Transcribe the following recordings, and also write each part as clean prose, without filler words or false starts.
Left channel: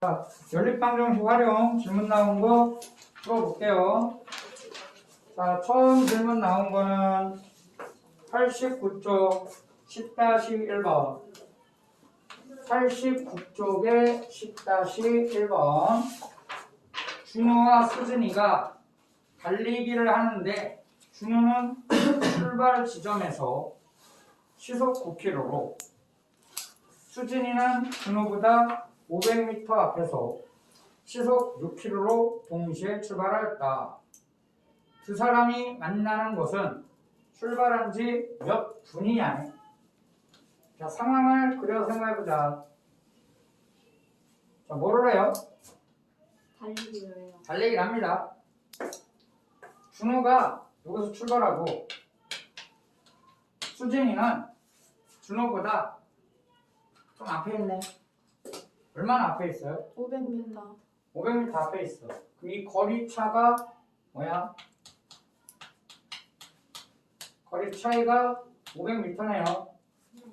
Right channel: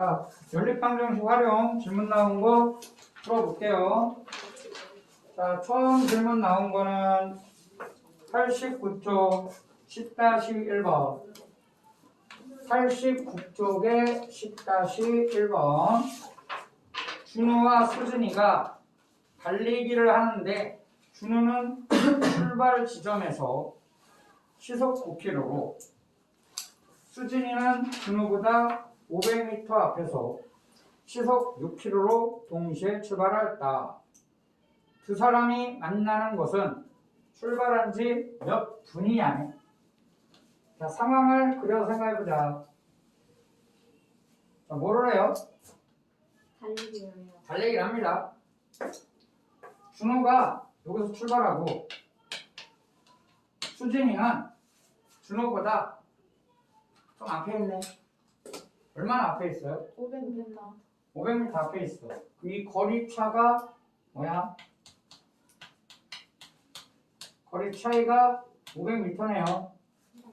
자, 연립방정식 활용 질문 나온 거 풀어볼게요. 자, 처음 질문 나온 거는 89쪽 10-1번. 89쪽에 10-1번. 준우와 수진이가 달리기를 하는데 준우는 출발 지점에서 시속 9km로 수진이는 준우보다 500m 앞에서 시속 6km로 동시에 출발하였다. 두 사람이 만나는 것은 출발한 지 몇 분이냐네. 자, 상황을 그려서 생각해보자. 자, 뭐를 해요? 달리기를 해요. 달리기를 합니다. 준호가 여기서 출발하고 수진이는 준호보다 좀 앞에 있네. 얼마나 앞에 있어요? 500m. 500m 앞에 있어. 이 거리차가 뭐야? 거리 차이가 500m네요.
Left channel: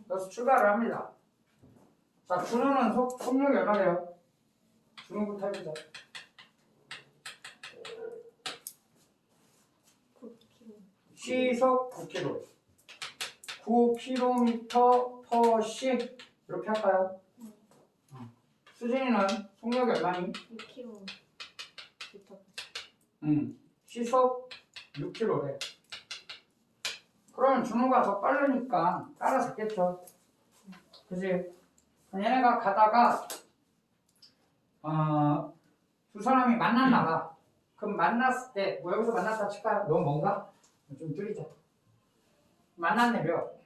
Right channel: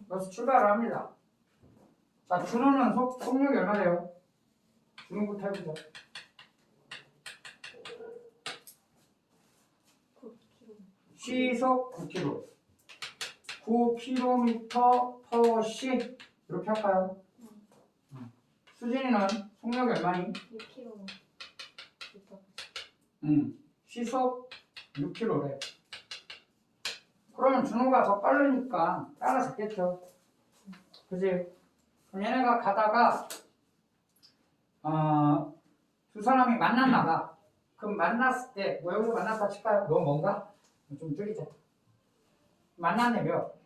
그래서 출발을 합니다. 자, 준호는 속력이 얼마래요? 준호부터 해보자. 9km. 시속 9km. 9km/시 이렇게 할까요? 수진이는 속력이 얼마니? 6km. 시속 6km래. 그러면 준호가 더 빠르니까 따라잡겠죠. 그지? 그럼 얘네가 가다가 두 사람이 만났나 봐. 그럼 만났을 때 뭐 여기서 만났다 칠까요? 너무 뭔가? 좀 줄이자. 만났네요.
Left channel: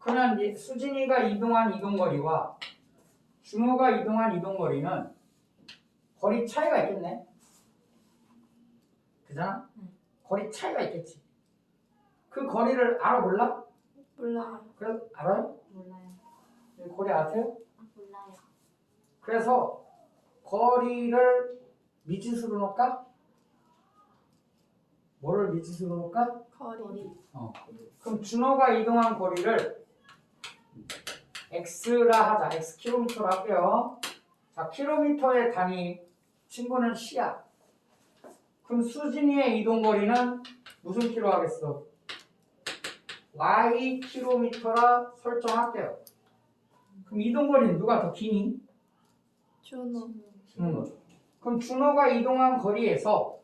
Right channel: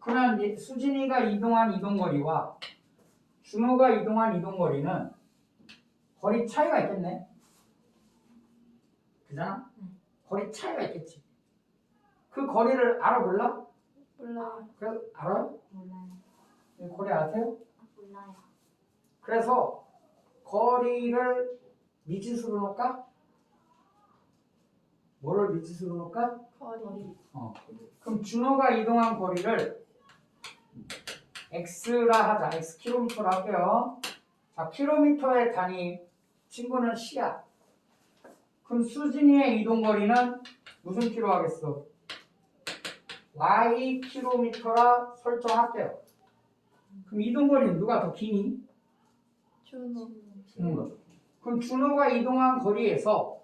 그러면 이제 수진이가 이동한 이동거리와 준호가 이동한 이동거리는 거리 차이가 있겠네. 그잖아? 거리 차이가 있겠지. 그 거리를 알아 몰라? 몰라요. 그래서 알아요? 몰라요. 이 거리 아세요? 몰라요. 그래서 거리를 미지수로 놓을까? 뭐를 미지수로 놓을까? 거리. 그럼 준호가 이동한 거리를 x라 하자. x 킬로미터로 할게요. 자, 킬로미터의 단위 친구는 시야. 그럼 수진이의 이동 거리는 무슨 킬로 하겠어? y 킬로미터라 설정할게요. 그럼 이동 거리는 누가 더 기니? 준호. 그럼 준호가 이동한 거리에서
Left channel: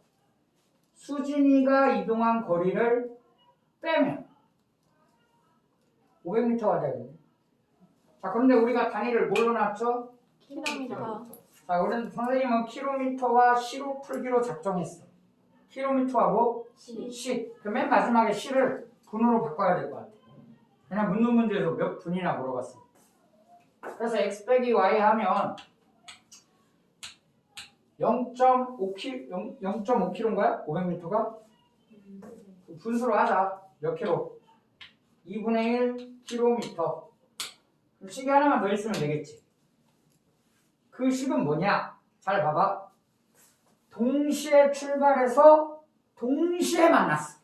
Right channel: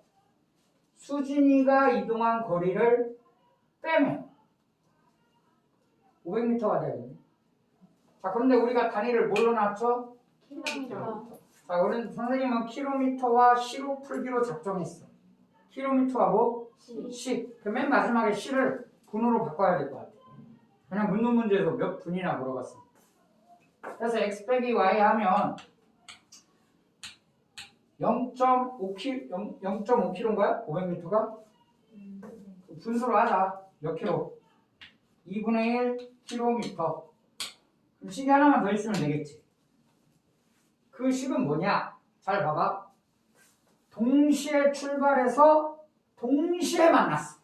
수진이가 이동한 거리를 빼면 500m가 되겠네. 자, 그런데 우리가 단위를 뭘로 놨죠? 킬로미터. 자, 우리는 선생님은 킬로미터와 시로 풀기로 작정했어. 킬로미터와 뭐? 시. 그 맨 마지막에 시를 분으로 바꿔야 될 것 같아. 그냥 묻는 문제에서 몇 분이나 물어봤습니다. 그래서 x 빼기 y 하면 0.5km인가요? 500m가? 분수로 하자. 몇 킬로? 2분의 1 킬로미터. 그럼 식이 하나만 더 있으면 되겠지. 그 식은 뭐냐? 잘 봐봐. 동시에 출발해서 동시에 만났어.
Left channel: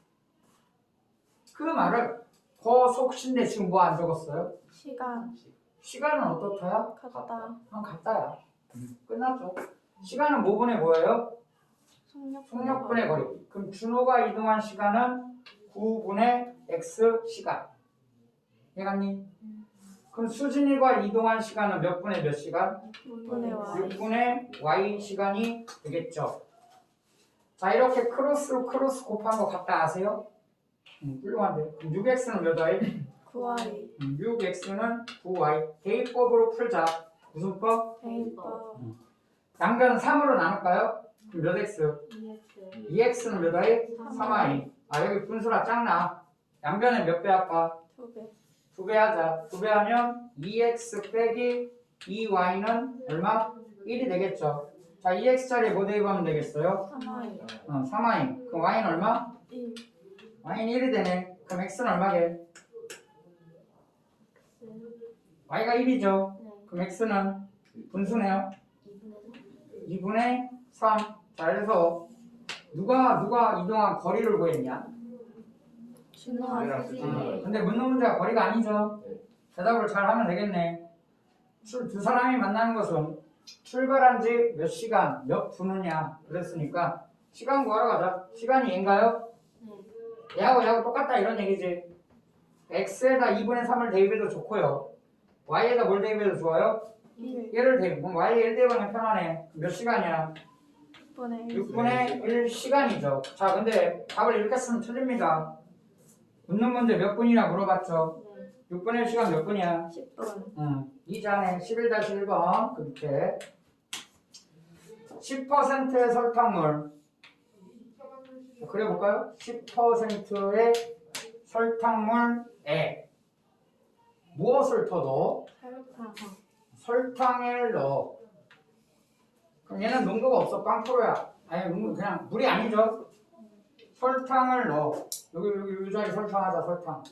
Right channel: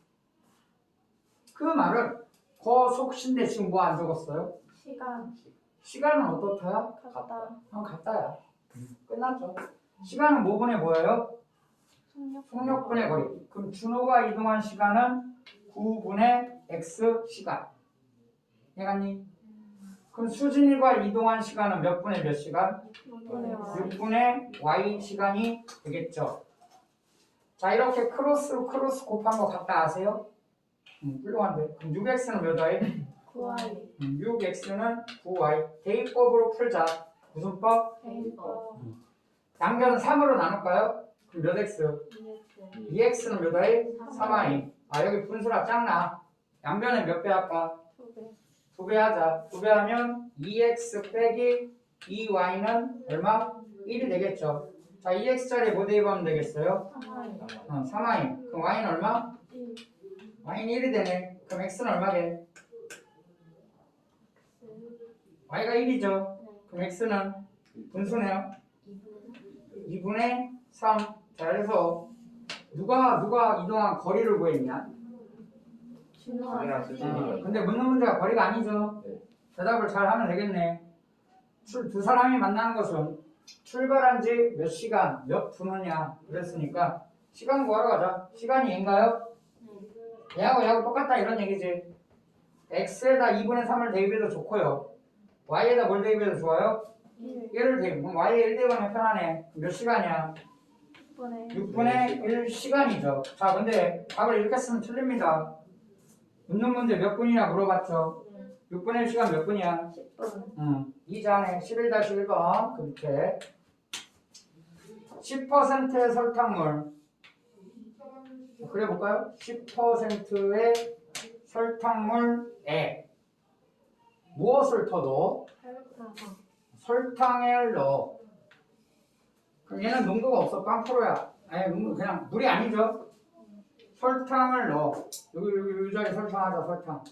그 말을 거속신데 지금 뭐 안 적었어요? 시간. 시간은 어떻다야? 같다. 같다야. 끝났죠. 시간은 뭐분의 뭐예요? 속력분의 거리. 그럼 준호가 이동한 시간은 9분의 x 시간. 이해갔니? 그럼 수진이가 이동한 시간은 몇 분의 몇 시간? 6분의 y 시간이 되겠죠. 자, 이렇게 크로스로 크로스 곱한 거 같다 아세요? 훌륭한데. 그럼 6x는 몇 y? 9y. 6x는 9y. 대입법으로 풀자. 무슨 법? 대입법. 양변은 3으로 나눌까요? 그럼 몇 x? 2x는 몇 y? 3y. 아, 여기 분수라 작나? 양변에 몇 배 할까? 2배. 2배 하자. 2배 하면 2x 빼기 2y는 얼마? 1이 되겠죠. 자, 2x짜리 뭐 대입하면 되겠어요? 3y. 3y. 그럼 y는 얼마? 1. y는 1이 되네. 그럼 x는 얼마게? y가 1이죠. 그럼 x는 분수네요. 2분의 3. 자, 그래서 누가 이동한 거리를 구했냐? 준호와 수진이. 근데 묻는 문제가 거리가 아니죠. 대답을 잘 하면 되겠네. 두 사람이 만나는 것은 출발한 지 몇 시간, 몇 분이냐 그랬으니까 시간 구하러 가자. 시간이 얘인가요? 얘하고 똑같다 이런 얘기지. x에다 2분의 3을 대입해도 좋고요. y에다 뭘 대입해도 좋아요? 1. 얘를 대입. 그럼 y에 1 대입하면 편하네. 몇 시간이야? 6분의 1 시간이죠. 자, 근데 답을 이렇게 쓰면 틀립니다. 묻는 문제 몇 분이냐 물어봤죠. 6분의 1 시간 몇 분이야? 10분. 2전에 11-1번 그 밑에 10%의 설탕물 그려볼까요? 10%의 설탕물에 무엇을 터도 설탕을 넣어. 그럼 얘는 농도가 없어. 빵프로야. 아니 농도 그냥 물이 아니죠. 설탕을 넣어. 여기 이 자리 설탕하자. 설탕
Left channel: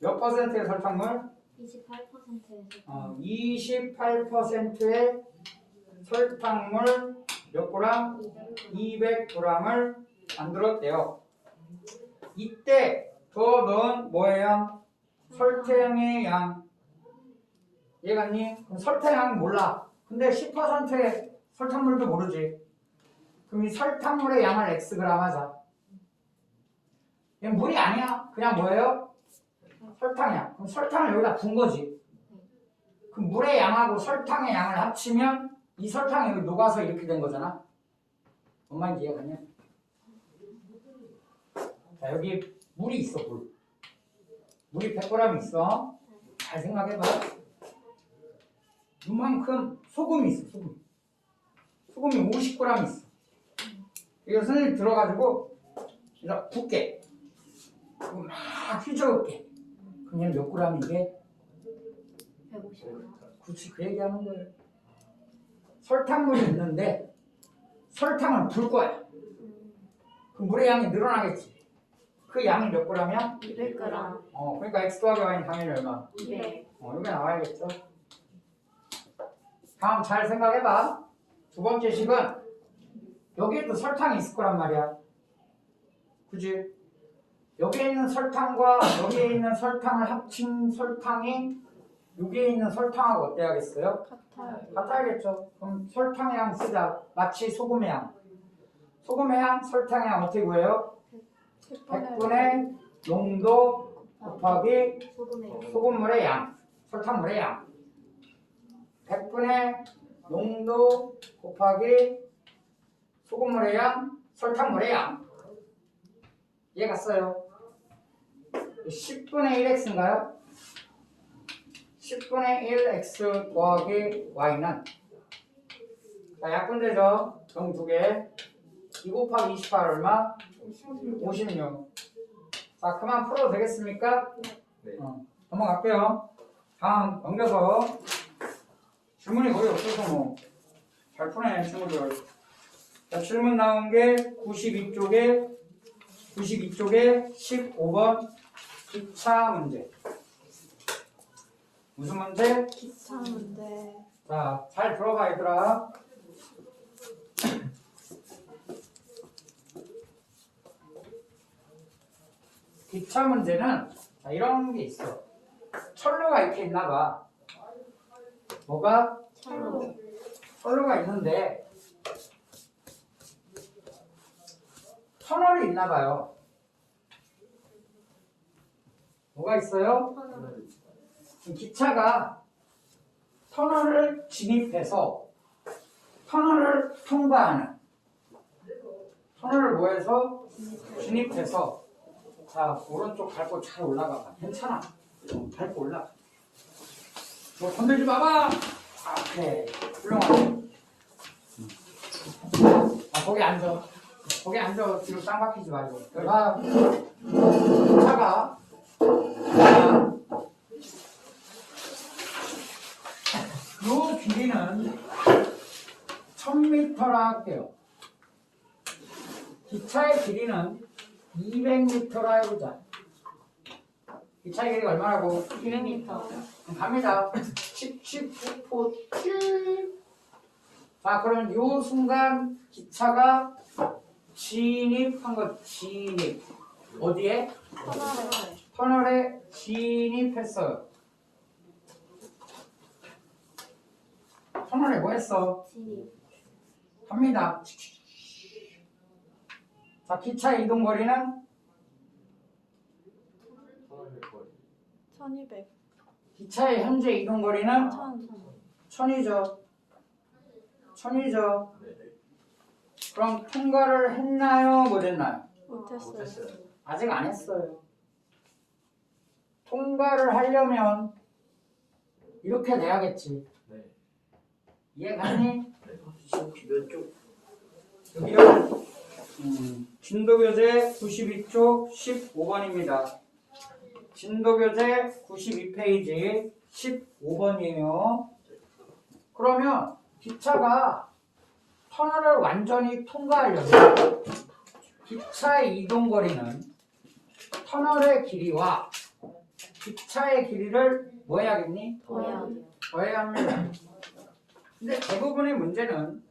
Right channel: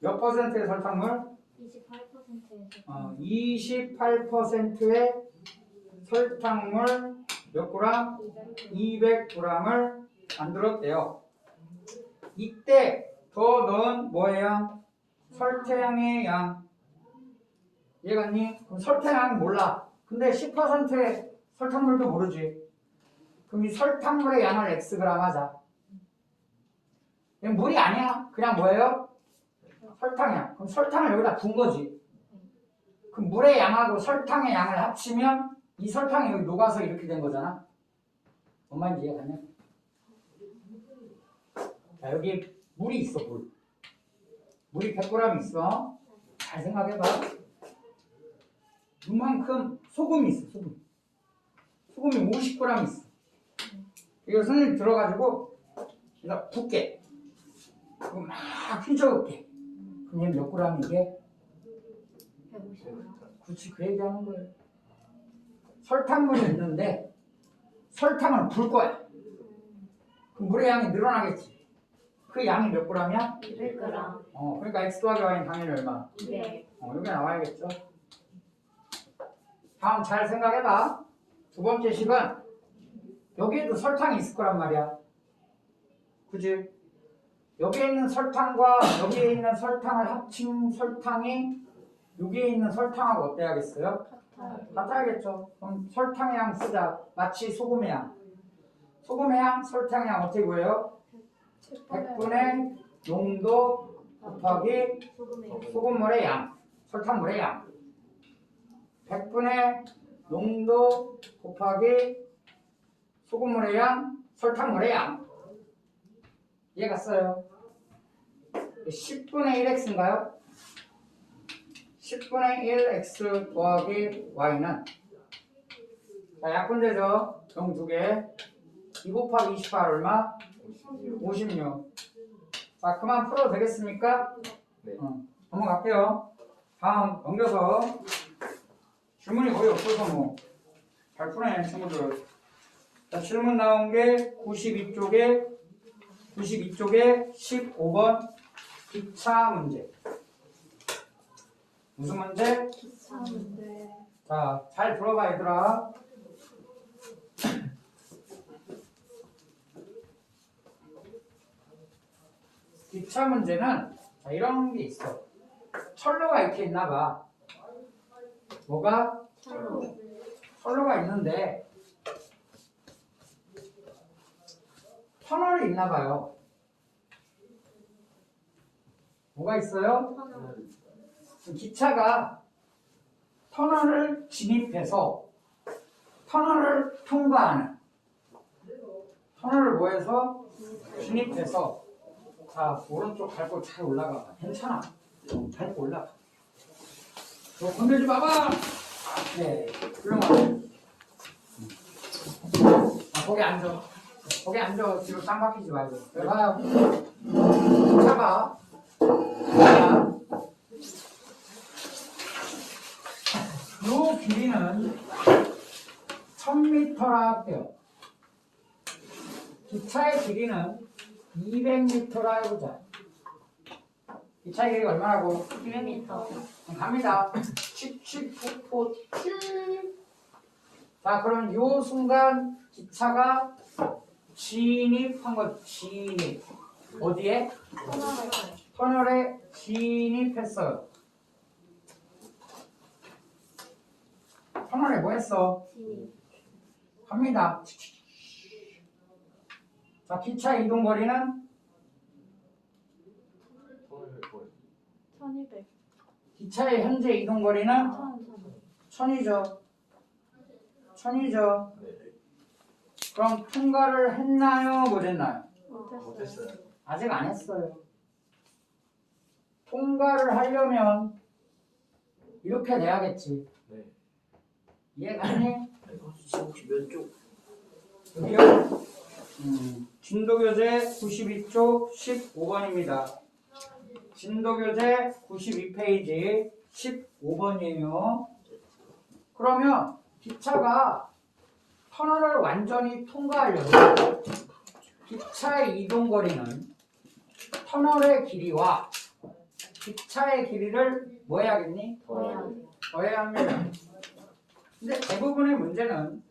몇 퍼센트의 설탕물? 28%의 설탕물 몇 그램? 200g을 만들었대요. 이때 더 넣은 뭐의 양? 설탕의 양. 이해갔니? 그럼 설탕의 양 몰라. 근데 10%의 설탕물도 모르지. 그럼 이 설탕물의 양을 xg 하자. 얘는 물이 아니야. 그냥 뭐예요? 설탕이야. 그럼 설탕을 여기다 분 거지. 그럼 물의 양하고 설탕의 양을 합치면 이 설탕이 여기 녹아서 이렇게 된 거잖아. 엄마 이해가 가냐? 자, 여기 물이 있어, 물. 물이 100g 있어. 잘 생각해봐. 이만큼 소금이 있어, 소금. 소금이 50g 있어. 이거 선생님 들어가지고 일단 붓게. 그리고 막 휘저을게. 그럼 얘 몇 g이게? 150g. 그렇지, 그 얘기하는 거예요. 설탕물이 있는데 설탕을 불 거야. 그럼 물의 양이 늘어나겠지. 그 양이 몇 g이야? 200g. 그러니까 x 더하기 y는 당연히 얼마? 200. 여기 나와야겠죠. 다음 잘 생각해봐. 두 번째 식은 여기에도 설탕이 있을 거란 말이야. 그지? 여기에 있는 설탕과 여기에 있는 설탕을 합친 설탕이 여기에 있는 설탕하고 어때야겠어요? 같아야겠죠. 그럼 설탕의 양 쓰자. 마치 소금의 양. 소금의 양, 설탕의 양 어떻게 구해요? 100분의 농도 곱하기 소금물의 양, 설탕물의 양. 100분의 농도 곱하기 소금물의 양, 설탕물의 양. 이해갔어요? 10분의 1x인가요? 10분의 1x 더하기 y는 자, 약분되죠? 정 두 개. 2 곱하기 28 얼마? 56. 자, 그만 풀어도 되겠습니까? 네. 넘어갈게요. 다음 넘겨서 질문이 거의 없어서 뭐 잘 푸네 친구들. 자, 질문 나온 게 92쪽에 15번 기차 문제. 무슨 문제? 기차 문제. 자, 잘 들어봐 얘들아. 기차 문제는 자, 이런 게 있어. 철로가 이렇게 있나 봐. 뭐가? 철로가 있는데 터널이 있나 봐요. 뭐가 있어요? 기차가 터널을 진입해서 터널을 통과하는 터널을 뭐해서 진입해서 자 오른쪽 밟고 잘 올라가 봐. 괜찮아. 밟고 올라가. 너 건들지 마봐. 그래 훌륭하네. 거기 앉아. 거기 앉아. 뒤로 딱 막히지 말고. 내가 기차가 요 길이는 1000m라 할게요. 기차의 길이는 200m라 해보자. 기차의 길이가 얼마라고? 200m. 갑니다. 19.7. 자, 그럼 요 순간 기차가 진입한 거 진입. 어디에? 터널에 진입했어요. 터널에 뭐 했어? 진입. 갑니다. 자, 기차의 이동 거리는 1200. 기차의 현재 이동 거리는 1000이죠. 1000이죠. 그럼 통과를 했나요? 못 했나요? 못했어요. 아직 안 했어요. 통과를 하려면 이렇게 돼야겠지. 네. 이해가니? 혹시 몇 쪽? 여기요? 진도교재 92쪽 15번입니다. 진도교재 92페이지 15번이에요. 그러면 기차가 터널을 완전히 통과하려면 기차의 이동거리는 터널의 길이와 기차의 길이를 뭐 해야겠니? 더해야 돼요. 더해야 합니다. 근데 대부분의 문제는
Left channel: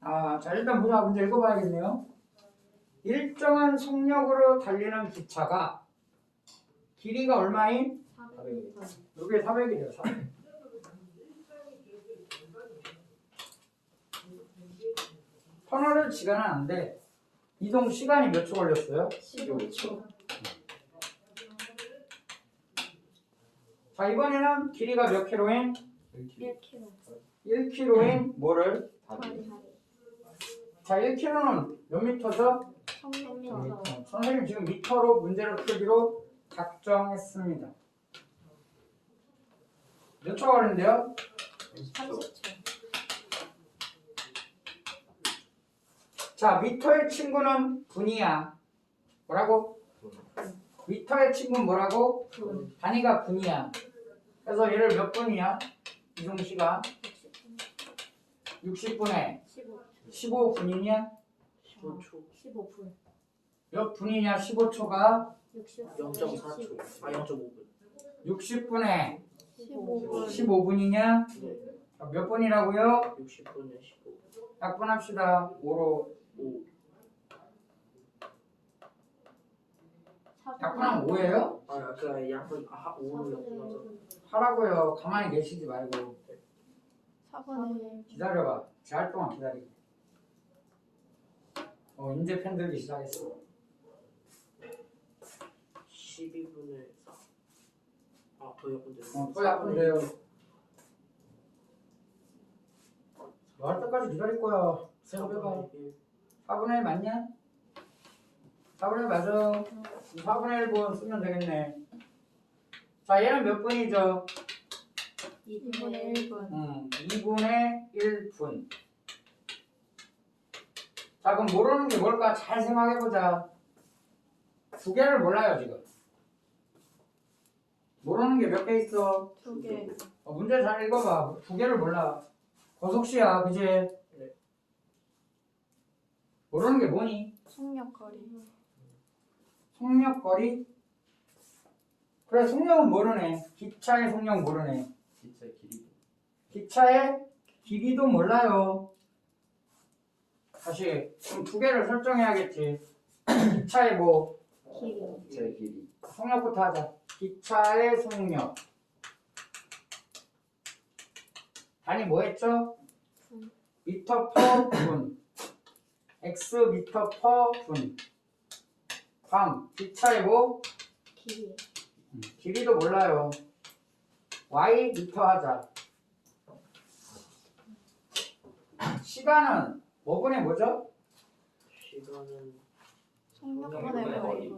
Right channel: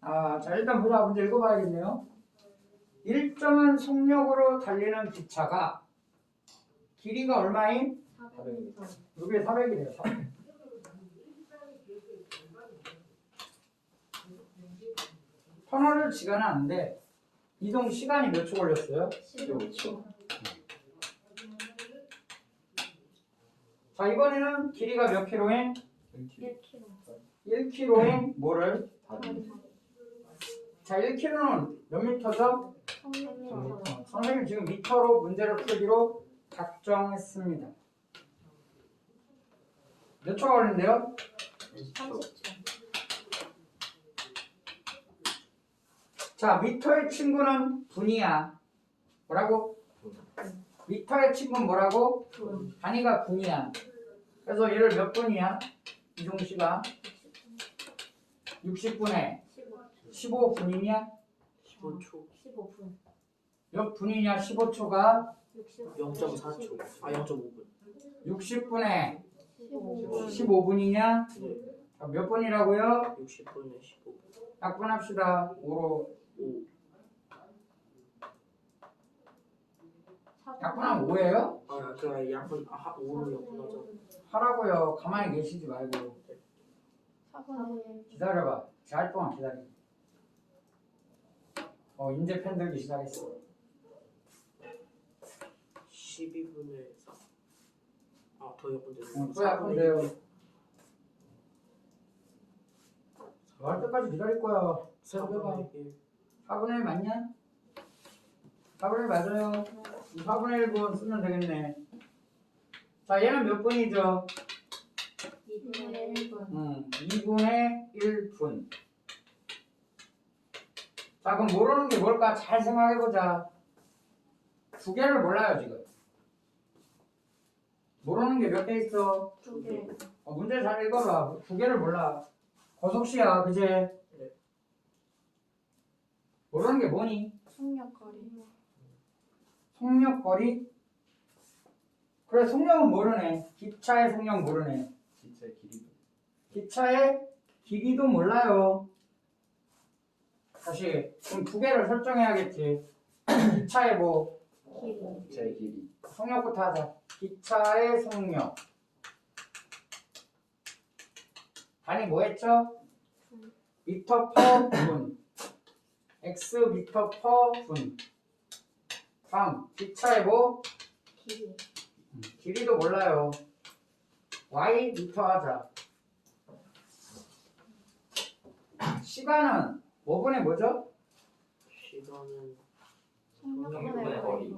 자 일단 보자. 문제 읽어봐야겠네요. 일정한 속력으로 달리는 기차가 길이가 얼마인? 400m. 이게 400이래요. 400. 터널을 지나는데 이동 시간이 몇 초 걸렸어요? 15초. 자 이번에는 길이가 몇 킬로인? 1km. 1킬로인 뭐를? 다리. 자 1킬로는 몇 미터죠? 1000m. 선생님 지금 미터로 문제를 풀기로 작정했습니다. 몇 초 걸린대요? 30초. 자 미터의 친구는 분이야. 뭐라고? 미터의 친구는 뭐라고? 분. 단위가 분이야. 그래서 얘를 몇 분이야? 이동시간 60분에 15초. 15분이냐? 15초. 15분. 몇 분이냐? 15초가 0.4초. 0.5분. 60분에 15분. 15분이냐? 네. 몇 분이라고요? 60분에 15. 약분합시다. 5로 5. 약분하면 5예요? 그 약분 5로 약분하죠. 하라고요. 가만히 계시지 말고 4분의 기다려봐. 잘 동안 기다려. 이제 펜 들기 시작했어. 12분에 4. 더 약분돼요. 또 약분돼요. 할 때까지 기다릴 거야. 세서 빼봐. 4분의 1 맞냐? 4분의 1 맞아요. 4분의 1분 쓰면 되겠네. 자, 얘는 몇 분이죠? 2분의 1분. 2분의 1분. 자, 그럼 모르는 게 뭘까? 잘 생각해보자. 두 개를 몰라요, 지금. 모르는 게 몇 개 있어? 2개. 문제 잘 읽어봐. 두 개를 몰라. 고속시야, 그지? 모르는 게 뭐니? 속력거리. 속력거리? 그래, 속력은 모르네. 기차의 속력 모르네. 기차의 길이. 기차의 길이도 몰라요. 다시, 그럼 두 개를 설정해야겠지. 기차의 뭐? 길이. 기차의 길이. 속력부터 하자. 기차의 속력. 단위 뭐 했죠? 분. 미터 퍼 분. x 미터 퍼 분. 다음, 기차의 뭐? 길이. 길이도 몰라요. y 미터 하자. 시간은 5분의 뭐죠? 시간은 속력분의 거리.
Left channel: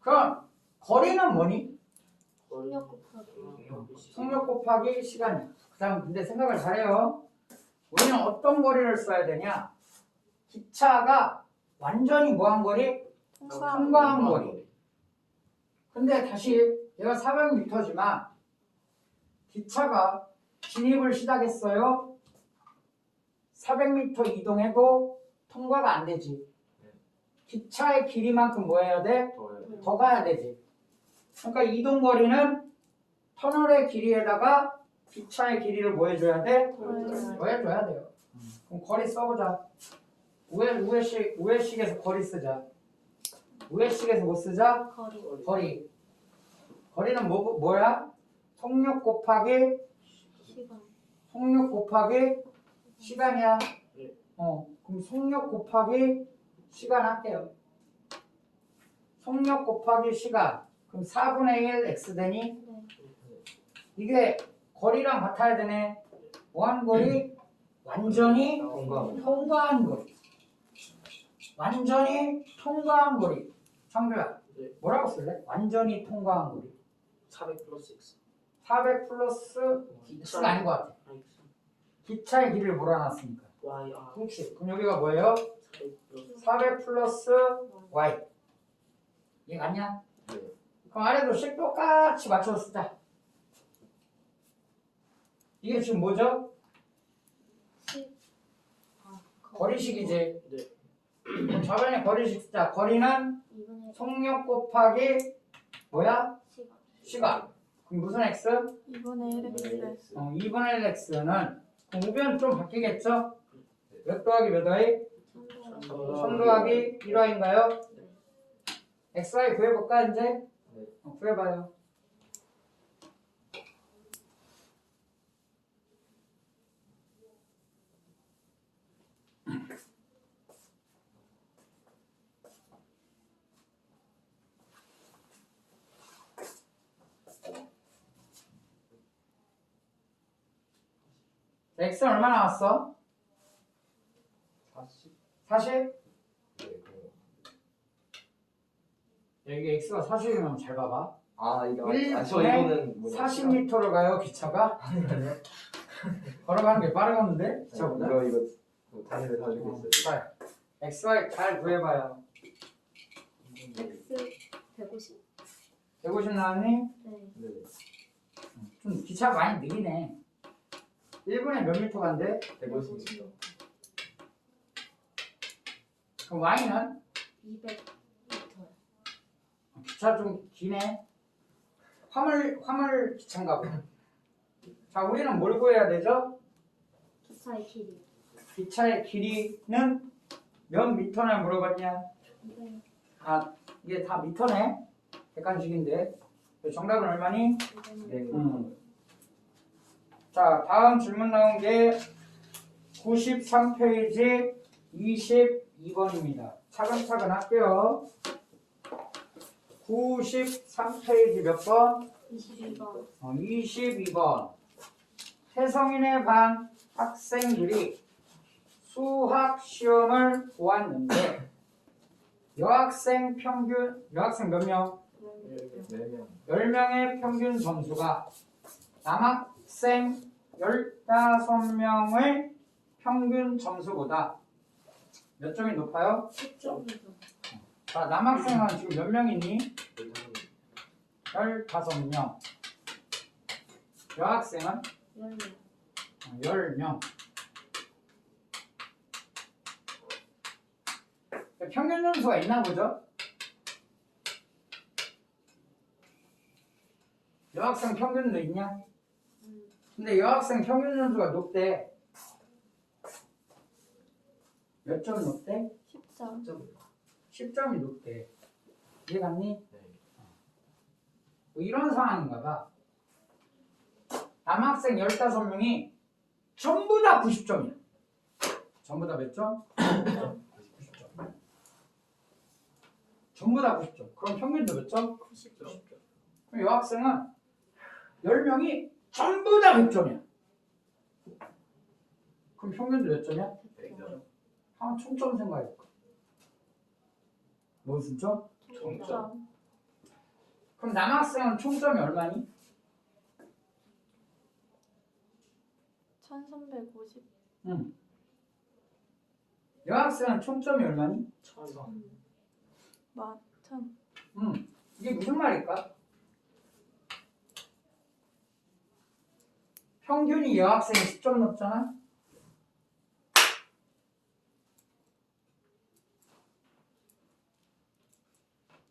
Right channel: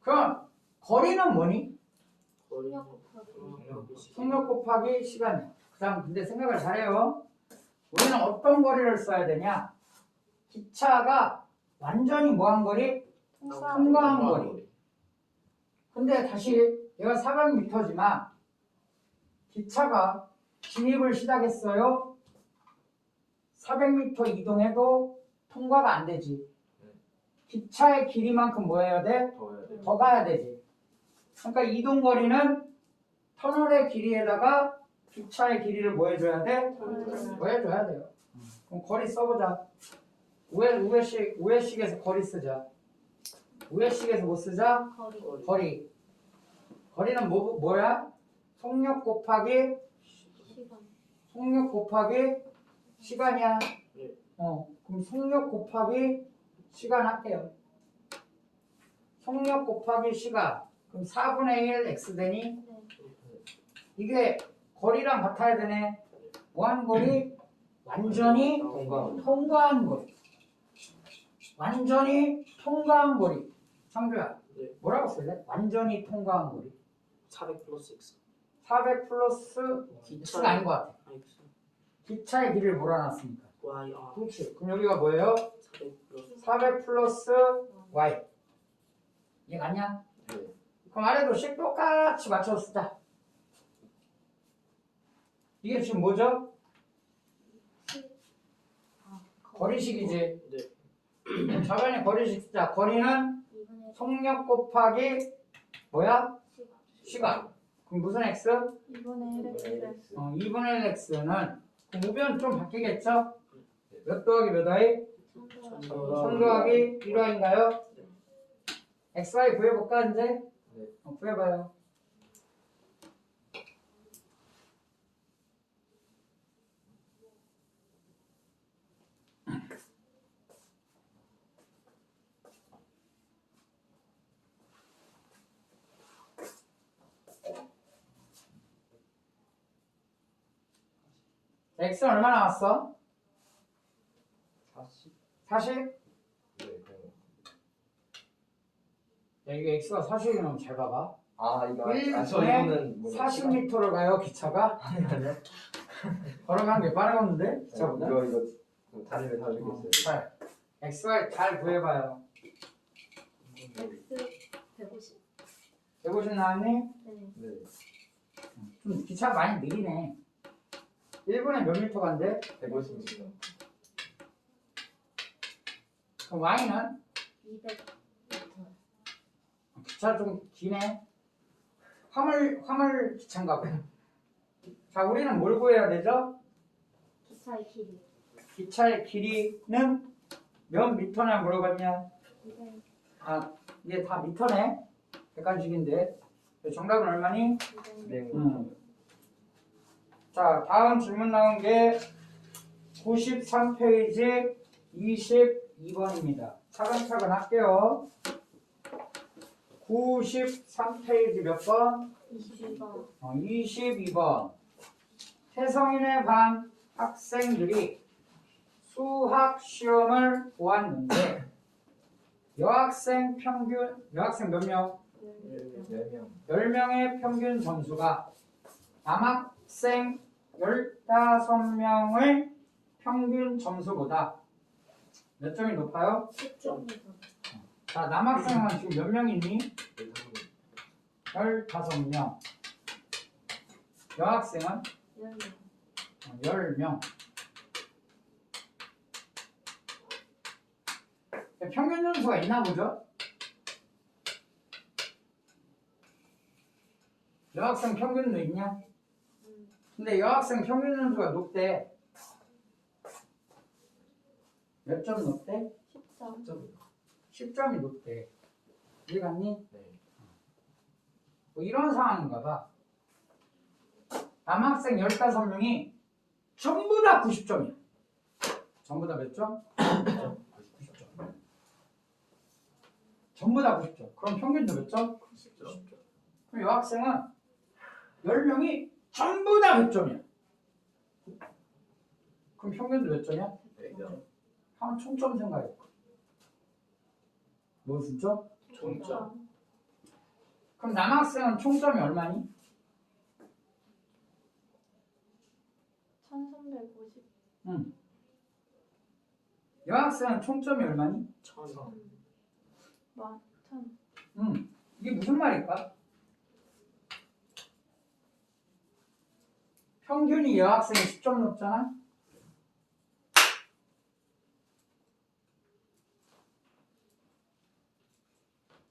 그럼 거리는 뭐니? 속력 곱하기. 속력 곱하기 시간이야. 그 다음 근데 생각을 잘해요. 우리는 어떤 거리를 써야 되냐? 기차가 완전히 뭐한 거리? 통과한 거리. 근데 다시 얘가 400m지만 기차가 진입을 시작했어요. 400m 이동해도 통과가 안 되지. 기차의 길이만큼 뭐 해야 돼? 더 가야 되지. 그러니까 이동 거리는 터널의 길이에다가 기차의 길이를 뭐 해줘야 돼? 뭐 해줘야 돼요. 그럼 거리 써보자. 우회식에서 거리 쓰자. 우회식에서 뭐 쓰자? 거리. 거리. 거리는 뭐야? 속력 곱하기 시간. 속력 곱하기 시간이야. 네. 그럼 속력 곱하기 시간 할게요. 속력 곱하기 시간. 그럼 4분의 1 x 되니? 네. 이게 거리랑 같아야 되네. 뭐한 거리? 완전히 통과한 거리. 완전히 통과한 거리. 창규야, 네. 뭐라고 쓸래? 완전히 통과한 거리. 400 플러스 X. 400 플러스 X가 아닌 것 같아. 아, X. 기차의 길이를 몰아놨으니까. Y. 아, 그렇지. 그럼 여기가 뭐예요? 400 플러스 400 플러스 Y. 이해 갔냐? 네. 그럼 아래도 식 똑같이 맞춰서 쓰자. 이게 지금 뭐죠? 거리식이지. 네. 그럼 저번에 거리식 쓰자. 거리는 2분의 속력 곱하기 뭐야? 시간. 시간. 그럼 무슨 x? 2분의 1x. 2분의 1 x는 그럼 우변 좀 바뀌겠죠? 몇 더하기 몇 y? 1000 더하기 1y인가요? xy 구해볼까 이제? 구해봐요. x는 얼마 나왔어? 40? 야, 이게 x가 40이면 잘 봐봐. 아 이거 저 이거는 40m를 가요 기차가? 걸어가는 게 빠르겠는데? 저 기차보다? 이거 다리를 다 주고 있어요. 잘. xy 잘 구해봐요. x 150. 150 나왔니? 네. 네. 좀 기차 많이 느리네. 1분에 몇 미터 간대? 150m. 그럼 y는? 200m. 기차 좀 기네. 화물 기차인가 봐. 자, 우리는 뭘 구해야 되죠? 기차의 길이. 기차의 길이는 몇 미터나 물어봤냐? 200. 아, 이게 다 미터네. 객관식인데. 정답은 얼마니? 200. 네. 자, 다음 질문 나온 게 93페이지 22번입니다. 차근차근 할게요. 93페이지 몇 번? 22번. 22번. 태성인의 반 학생들이 수학 시험을 보았는데 여학생 몇 명? 4명. 10명의 평균 점수가 남학생 15명의 평균 점수보다 몇 점이 높아요? 10점에서. 자, 남학생은 지금 몇 명이니? 15명. 여학생은 10명. 10명. 평균 점수가 있나 보죠? 여학생 평균도 있냐? 근데 여학생 평균 점수가 높대. 몇 점 높대? 10점. 10점이 높대. 이해 갔니? 네. 뭐 이런 상황인가 봐. 남학생 15명이 전부 다 90점이야. 전부 다 몇 점? 90점. 전부 다 90점. 그럼 평균도 몇 점? 90점. 그럼 여학생은 10명이 전부 다 100점이야. 그럼 평균도 몇 점이야? 100점. 한 총점 생각해. 뭐 진짜? 총점. 그럼 남학생은 총점이 얼마니? 1350. 응. 여학생은 총점이 얼마니? 1000. 1000. 응. 이게 무슨 말일까? 평균이 여학생이 10점 높잖아?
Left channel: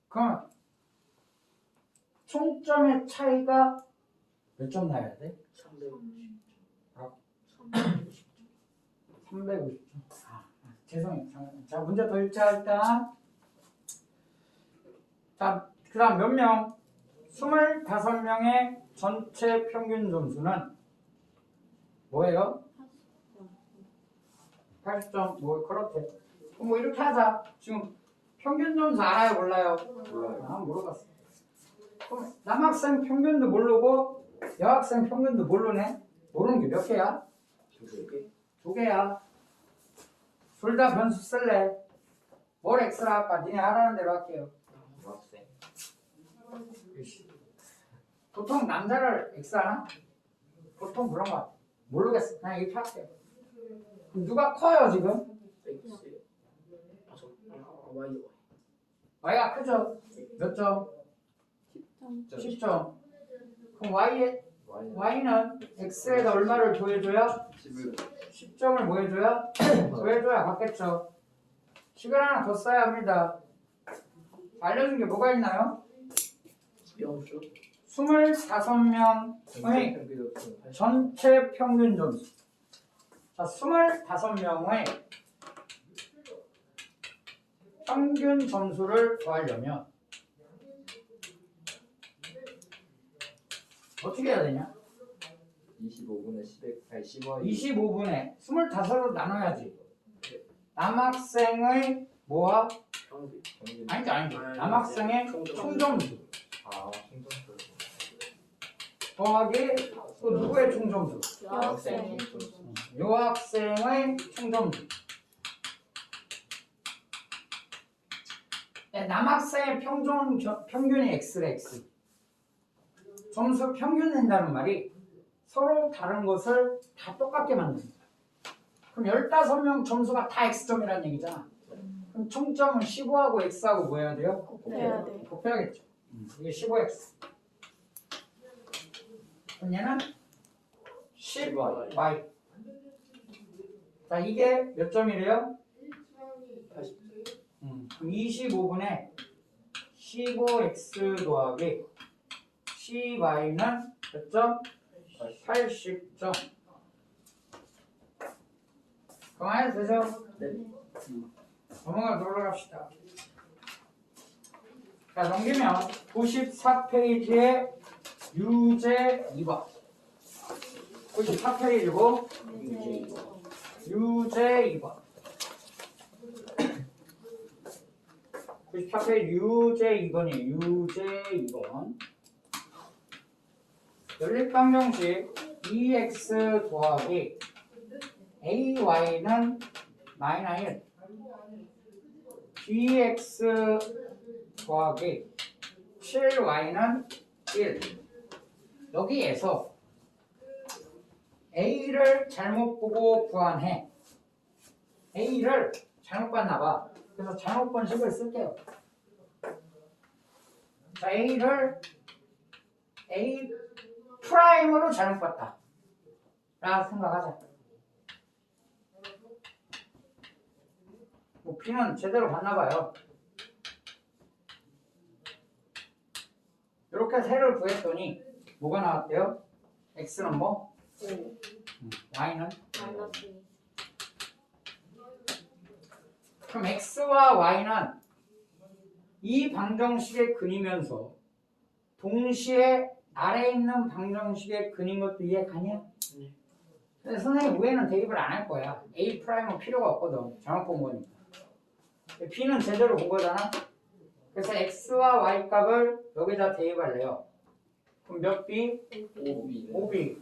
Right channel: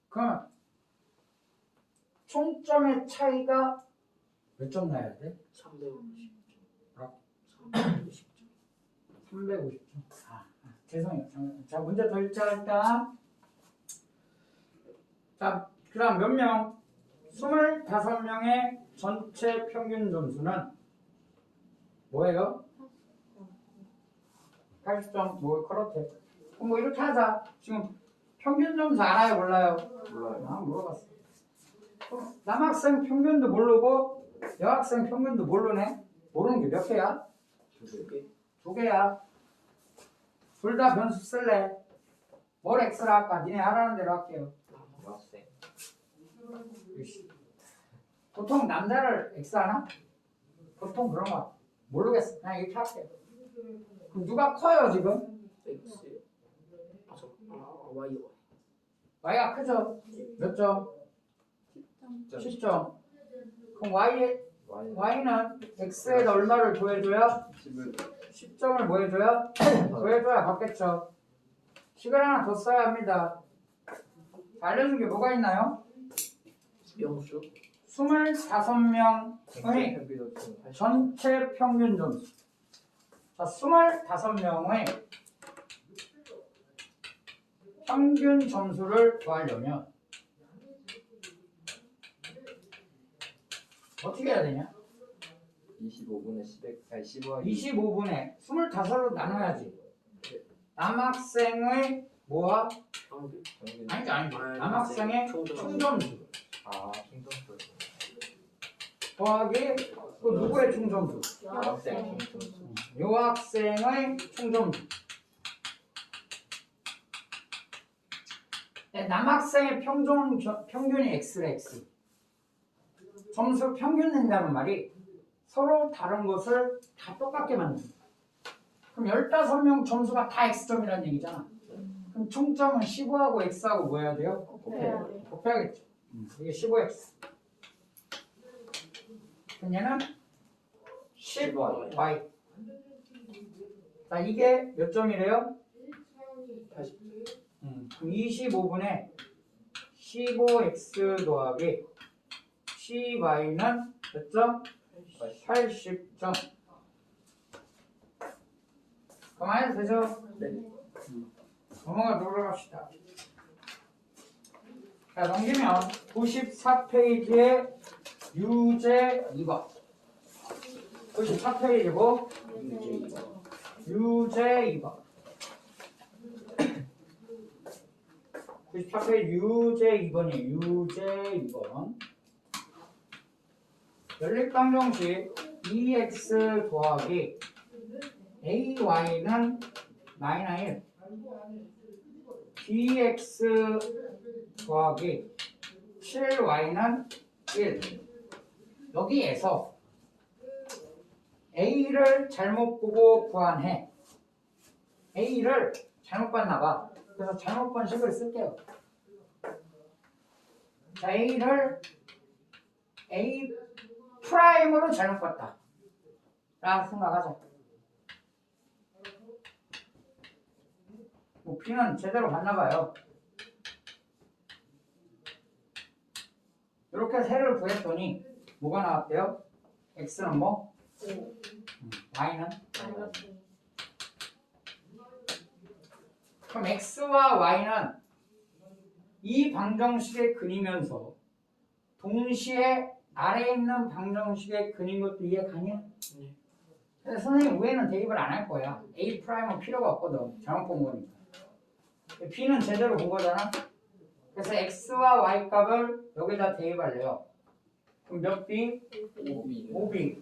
그럼 총점의 차이가 몇 점 나야 돼? 350. 아. 350. 350점. 죄송해요. 잠깐만. 자, 문제 더 읽자 일단. 자, 그 다음 몇 명? 25명의 전체 평균 점수는 뭐예요? 80점. 뭐 그렇대. 그럼 뭐 이렇게 하자. 지금 평균 점수 알아요, 몰라요? 몰라요. 아, 물어봤어. 그럼 남학생 평균도 모르고 여학생 평균도 모르네? 모르는 게 몇 개야? 두 개. 2개야. 둘 다 변수 쓸래? 뭘 X라 할까? 니네 하라는 대로 할게요. 남학생. 보통 남자를 X 하나? 보통 그런 거 같아. 모르겠어. 그냥 이렇게 할게요. 그럼 누가 커요, 지금? X. Y. Y가 크죠? 몇 점? 10점. 10점. 그럼 Y Y는 X에다 얼마를 더해줘야? 10을 10점을 뭐 해줘야? 더해줘야 받겠죠. 시간 하나 더 써야 합니다. 알려준 게 뭐가 있나요? 명수. 25명의 전체 평균 점수. 자, 25명의 평균 점수를 구하려면 어떻게 해야 되냐? 25분의 10에 아니 10원 25분에 25로 나눠야지. 남학생의 뭐와? 평균. 아니지. 남학생의 총 점수 아 충전표 더하기 또 누구의 총 점수? 여학생. 여학생의 총 점수. 네, 남학생의 평균이 X래 X. 점수 평균 낸다는 말이 서로 다른 것을 다 똑같게 만든다. 그럼 15명 점수가 다 X점이라는 얘기잖아. 그럼 총점은 15하고 X하고 뭐 해야 돼요? 곱해야 돼. 곱해야겠죠. 이게 15X. 그럼 얘는 10Y. 자, 이게 몇 점이래요? 80점. 그럼 25분에 15X 더하기 10Y는 몇 점? 80점. 그만해도 되죠? 네. 넘어갑시다. 자, 넘기면 94페이지에 유제 2번. 94페이지고 유제 2번. 94페이지 유제 2번이에요. 유제 2번. 연립방정식 2x 더하기 ay는 마이너스 1 bx 더하기 7y는 1 여기에서 a를 잘못 보고 구한해. a를 잘못 봤나봐. 그래서 잘못 본 식을 쓸게요. 자, a를 a 프라임으로 잘못 봤다 라고 생각하자. 뭐 b는 제대로 봤나봐요. 이렇게 세를 구했더니 뭐가 나왔대요? x는 뭐? y는? 마이너스. 그럼 x와 y는 이 방정식에 그리면서 동시에 아래에 있는 방정식에 그린 것도 이해 가냐? 그래서 선생님 위에는 대입을 안 할 거야. A 프라임은 필요가 없거든. 잘못 본 거니까. B는 제대로 본 거잖아. 그래서 X와 Y 값을 여기다 대입할래요. 그럼 몇 B? 5B.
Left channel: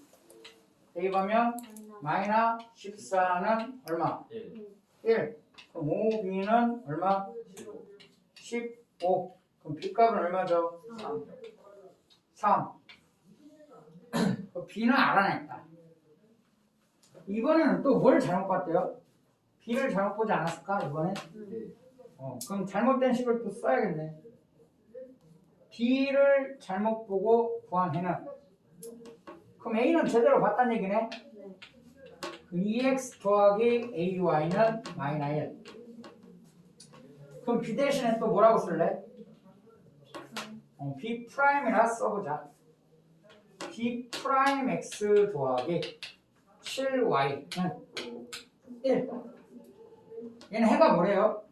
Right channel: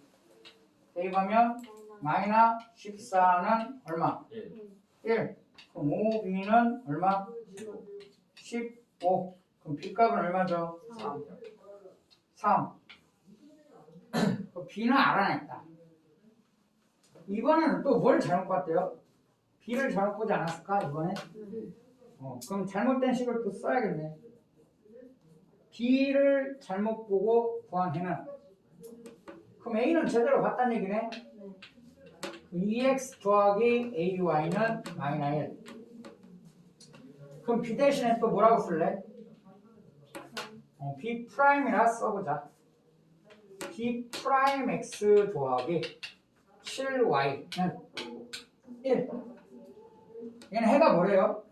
대입하면 마이너스 14는 얼마? 1. 그럼 5B는 얼마? 15. 그럼 B 값은 얼마죠? 3. B는 알아냈다. 이번에는 또 뭘 잘못 봤대요? B를 잘못 보지 않았을까 이번에? 그럼 잘못된 식을 또 써야겠네. B를 잘못 보고 구한 해는 그럼 A는 제대로 봤다는 얘기네. 그 2x 더하기 AY는 마이너스 1. 그럼 B 대신에 또 뭐라고 쓸래? B 프라임이라 써보자. B 프라임 X 더하기 7Y는 1. 얘는 해가 뭐래요?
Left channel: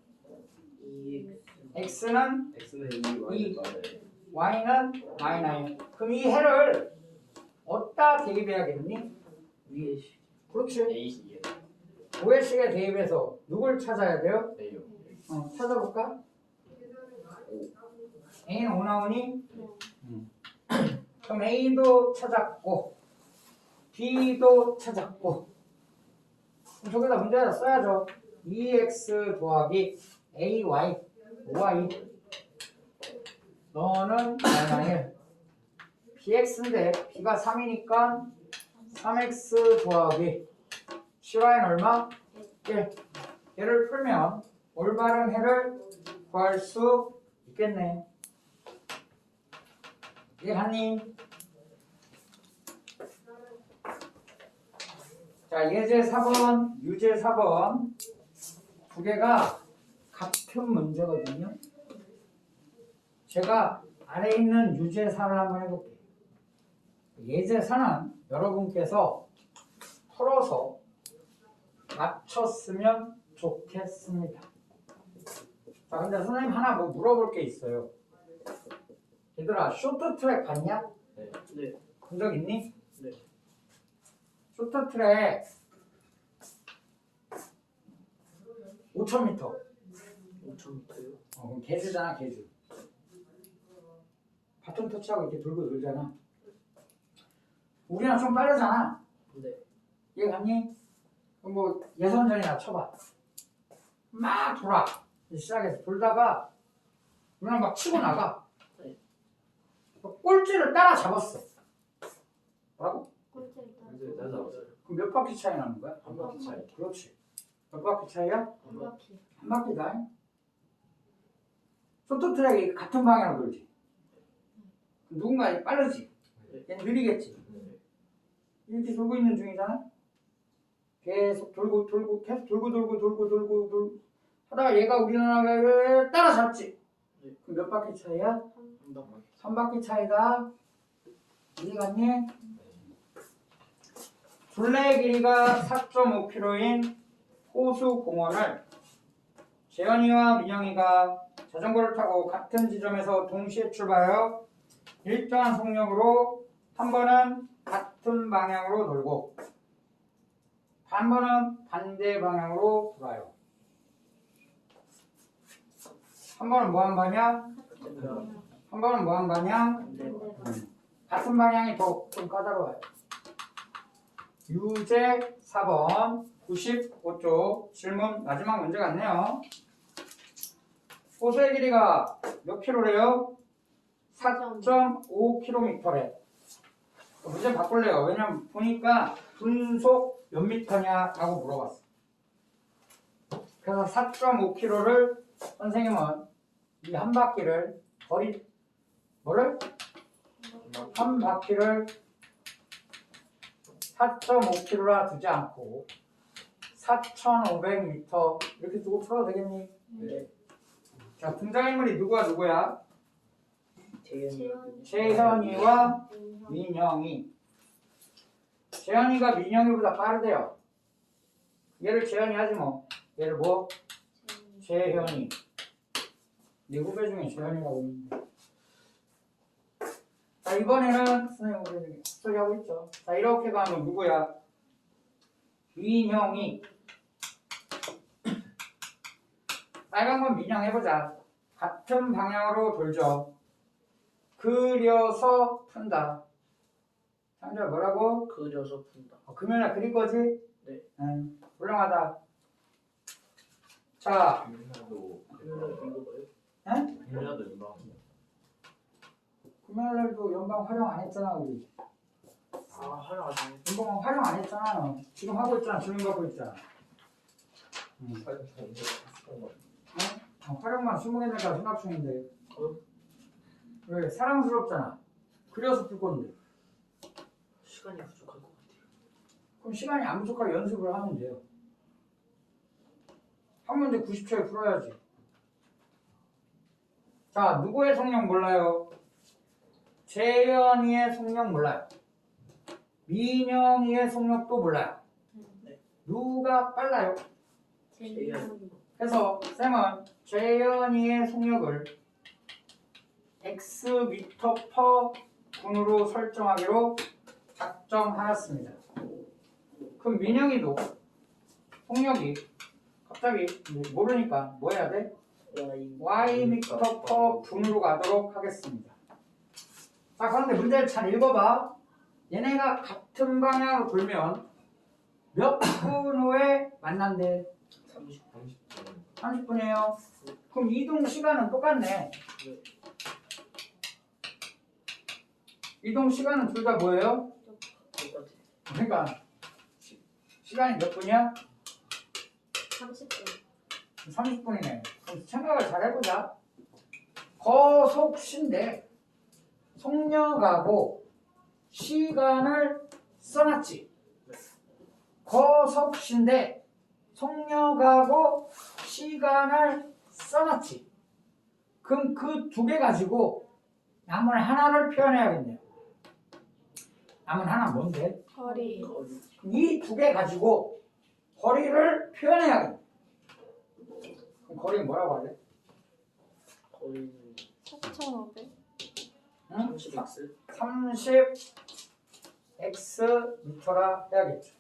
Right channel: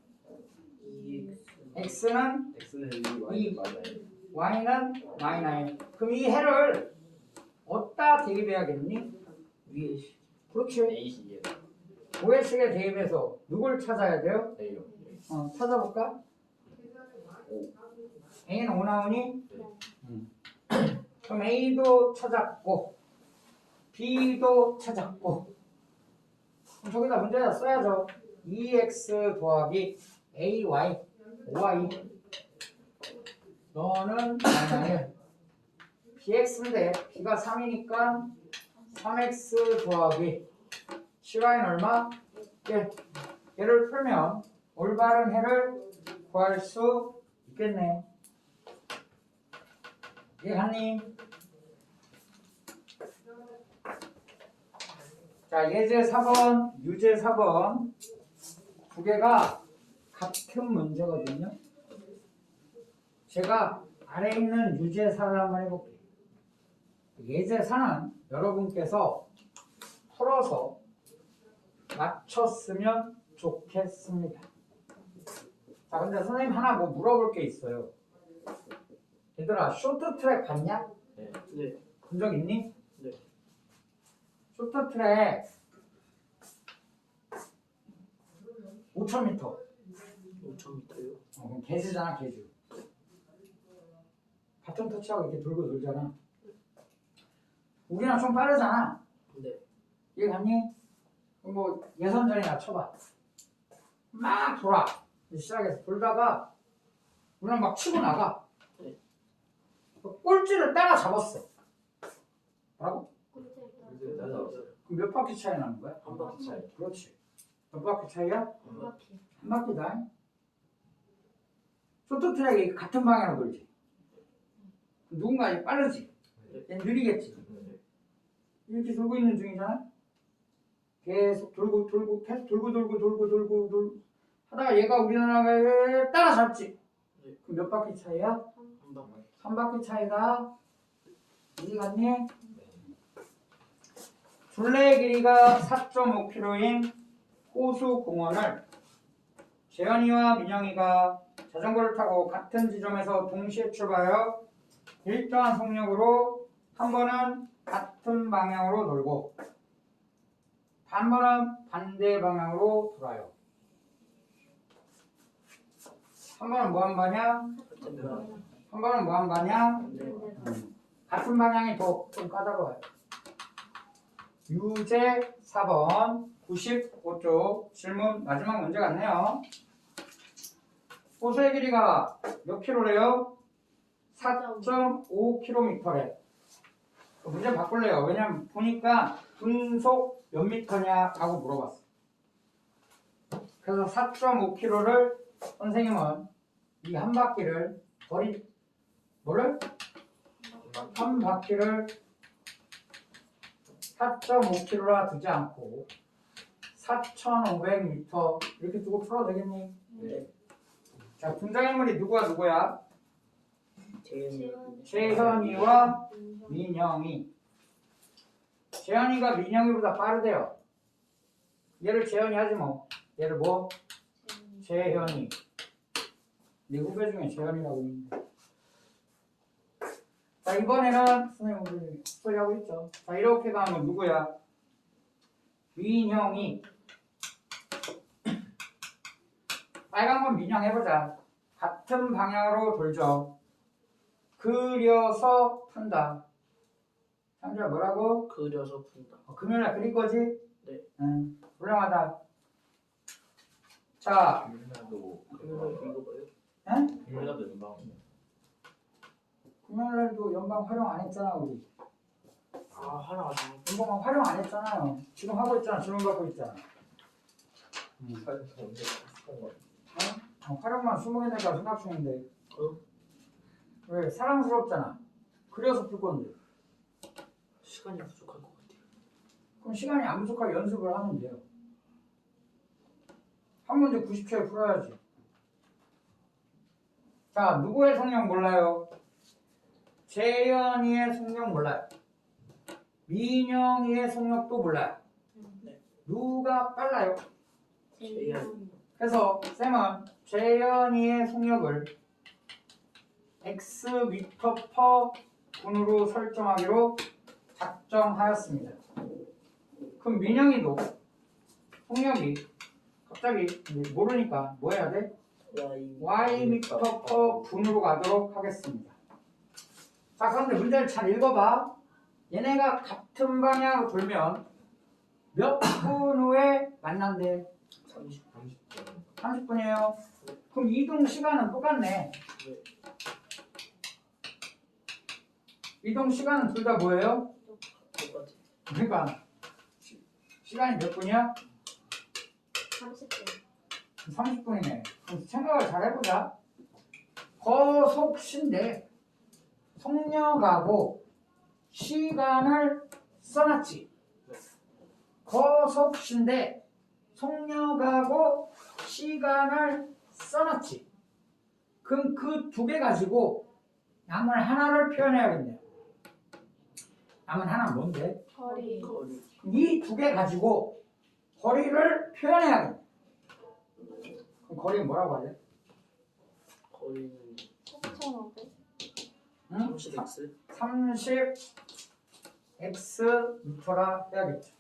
X는 X는 2, Y는 마이너스 y는 마이너스. 그럼 이 해를 어디다 대입해야겠니? 위에 시. 그렇지. A식이에요. 5회식에 대입해서 누굴 찾아야 돼요? A요. 찾아볼까? A는 5 나오니? 그럼 A도 찾았고 B도 찾았고 그럼 저기다 문제에다 써야죠. 2x 더하기 AY 5y 너는 마이너스 BX인데 B가 3이니까 3x 더하기 CY는 얼마? 1. 얘를 풀면 올바른 해를 구할 수 있겠네. 이해갔니? 자, 예제 4번, 유제 4번 두 개가 같은 문제거든요. 제가 아래에 있는 유제 4를 한번 해볼게요. 예제 4는 여러분께서 풀어서 맞췄으면 좋겠습니다. 자, 근데 선생님 하나 뭐 물어볼 게 있어요. 얘들아, 쇼트트랙 봤냐? 네. 본 적 있니? 네. 쇼트트랙 5,000m. 5,000m요. 그럼 개주잖아, 개주. 바톤 터치하고 이렇게 돌고 돌잖아. 우리랑 좀 빠르잖아. 네. 이해 갔니? 그럼 뭐 예선전이나 쳐봐. 막 돌아. 시작해서 돌다가 우리랑 막 치고 나가. 네. 꼴찌를 따라잡았어. 뭐라고? 꼴찌를 맞아. 그럼 몇 바퀴 차이 나는 거야? 한 바퀴 차이. 그렇지. 몇 바퀴 차이야? 한 바퀴. 한 바퀴다. 쇼트트랙이 같은 방향으로 돌지. 누군가 빠르지. 얘는 느리겠지. 이렇게 돌고 있는 중이잖아. 계속 돌고 계속 돌고 하다가 얘가 우리나라를 따라잡지. 그럼 몇 바퀴 차이야? 한 바퀴. 3바퀴 차이다. 이해 갔니? 둘레의 길이가 4.5km인 호수 공원을 재현이와 민영이가 자전거를 타고 같은 지점에서 동시에 출발하여 일정한 속력으로 한 번은 같은 방향으로 돌고 한 번은 반대 방향으로 돌아요. 한 번은 뭐한 방향? 한 번은 뭐한 방향? 같은 방향이 더 좀 까다로워요. 유제 4번 95쪽 질문 마지막 문제 같네요. 호수의 길이가 몇 킬로래요? 4.5km래. 문제 바꿀래요. 왜냐면 보니까 분속 몇 미터냐 하고 물어봤어. 그래서 4.5km를 선생님은 이 한 바퀴를 뭐를? 한 바퀴를 4.5km라 두지 않고 4,500m 이렇게 두고 풀어도 되겠니? 네. 자, 등장인물이 누구야? 재현. 재현이와 민영이. 재현이가 민영이보다 빠르대요. 얘를 재현이 하지 뭐. 얘를 뭐? 재현이. 네 후배 중에 재현이라고 있는데. 자, 이번에는 선생님 우리 소리 하고 있죠. 자, 이렇게 가면 누구야? 민영이. 빨간 건 민영 해보자. 같은 방향으로 돌죠. 그려서 푼다. 상자 뭐라고? 그려서 푼다. 금요일날 그릴 거지? 네. 응. 훌륭하다. 자, 금요일날도 그려서 이거요? 응? 금요일날도 인방이요. 금요일날도 연방 활용 안 했잖아 우리. 아, 하나 안 해. 연방 활용 안 했잖아. 지금 하고 있잖아. 질문 받고 있잖아. 활용만 20개 될까 생각 중인데. 왜? 사랑스럽잖아. 그려서 풀 건데. 시간이 부족할 것 같아요. 그럼 시간이 안 부족하게 연습을 하면 돼요. 한 문제 90초에 풀어야지. 자, 누구의 속력 몰라요? 재현이의 속력 몰라요. 민영이의 속력도 몰라요. 누가 빨라요? 재현. 그래서 쌤은 재현이의 속력을 x 미터 퍼 분으로 설정하기로 작정하였습니다. 그럼 민영이도 속력이 갑자기 모르니까 뭐 해야 돼? y 미터 퍼 분으로 가도록 하겠습니다. 자, 그런데 문제를 잘 읽어봐. 얘네가 같은 방향으로 돌면 몇 분 후에 만난대? 30분이에요. 그럼 이동 시간은 똑같네. 이동 시간은 둘 다 뭐예요? 똑같아. 그러니까 시간이 몇 분이야? 30분. 30분이네. 그럼 생각을 잘 해보자. 거속신데 속력하고 시간을 써놨지. 거속신데 속력하고 시간을 써놨지. 그럼 그 두 개 가지고 남은 하나를 표현해야겠네요. 남은 하나 뭔데? 거리. 이 두 개 가지고 거리를 표현해야겠네. 그럼 거리는 뭐라고 할래? 거리는 4,500. 응? 30x. 30x 미터라 해야겠죠.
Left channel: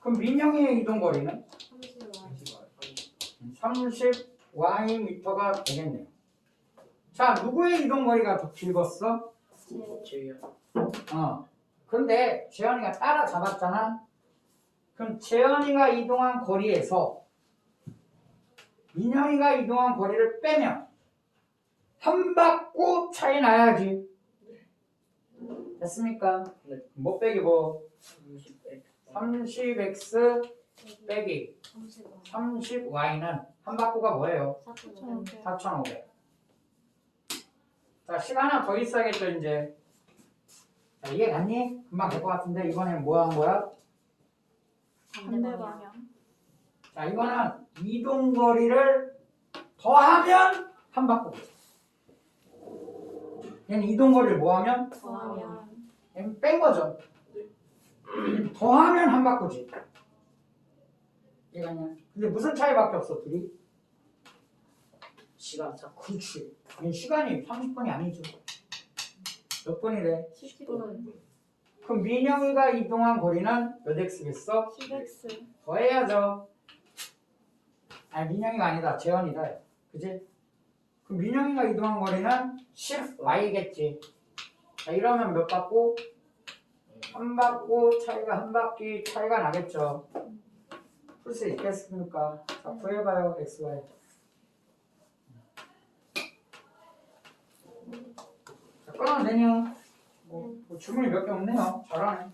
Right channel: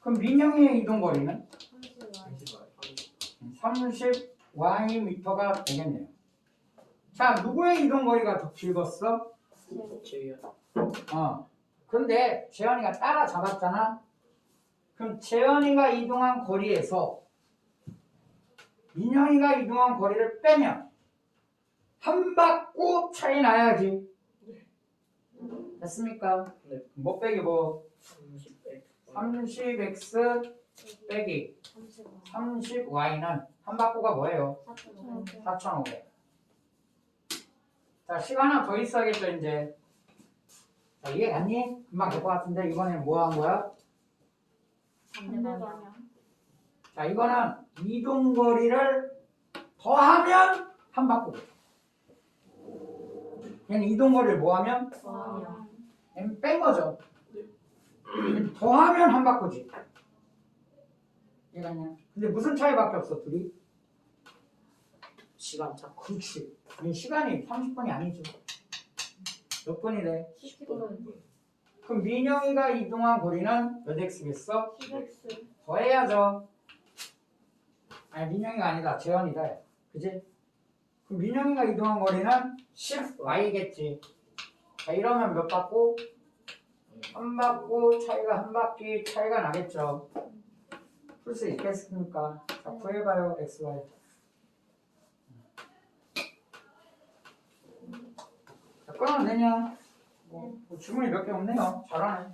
그럼 민영이의 이동 거리는 30만. 30y 미터가 되겠네요. 자, 누구의 이동 거리가 더 길었어? 제이야. 그런데 재현이가 따라잡았잖아. 그럼 재현이가 이동한 거리에서 민영이가 이동한 거리를 빼면 한 바퀴 차이 나야지. 됐습니까? 네. 뭐 빼기 뭐? 30x. 30x 빼기 30만. 30y는 한 바퀴가 뭐예요? 4,500. 4,500. 자, 시간 하나 더 있어야겠죠, 이제. 자, 이해 갔니? 금방 될 것 같은데, 이번엔 뭐 한 거야? 반대 방향. 자, 이거는 이동 거리를 더하면 한 바퀴. 얘는 이동 거리를 뭐 하면? 더하면. 얘는 뺀 거죠. 더하면 한 바퀴지. 이해갔냐? 근데 무슨 차이밖에 없어, 둘이? 시간 차. 그렇지. 얘 시간이 30분이 아니죠. 몇 분이래? 10분. 그럼 민영이가 이동한 거리는 몇 x겠어? 10x. 더해야죠. 아니, 민영이가 아니다. 재현이다. 그지? 그럼 민영이가 이동한 거리는 10y겠지. 자, 이러면 몇 바퀴? 한 바퀴 차이가 한 바퀴 차이가 나겠죠. 풀 수 있겠습니까? 자, 구해봐요. xy. 자, 끊어내냐? 뭐 질문이 몇 개 없네요. 잘하네.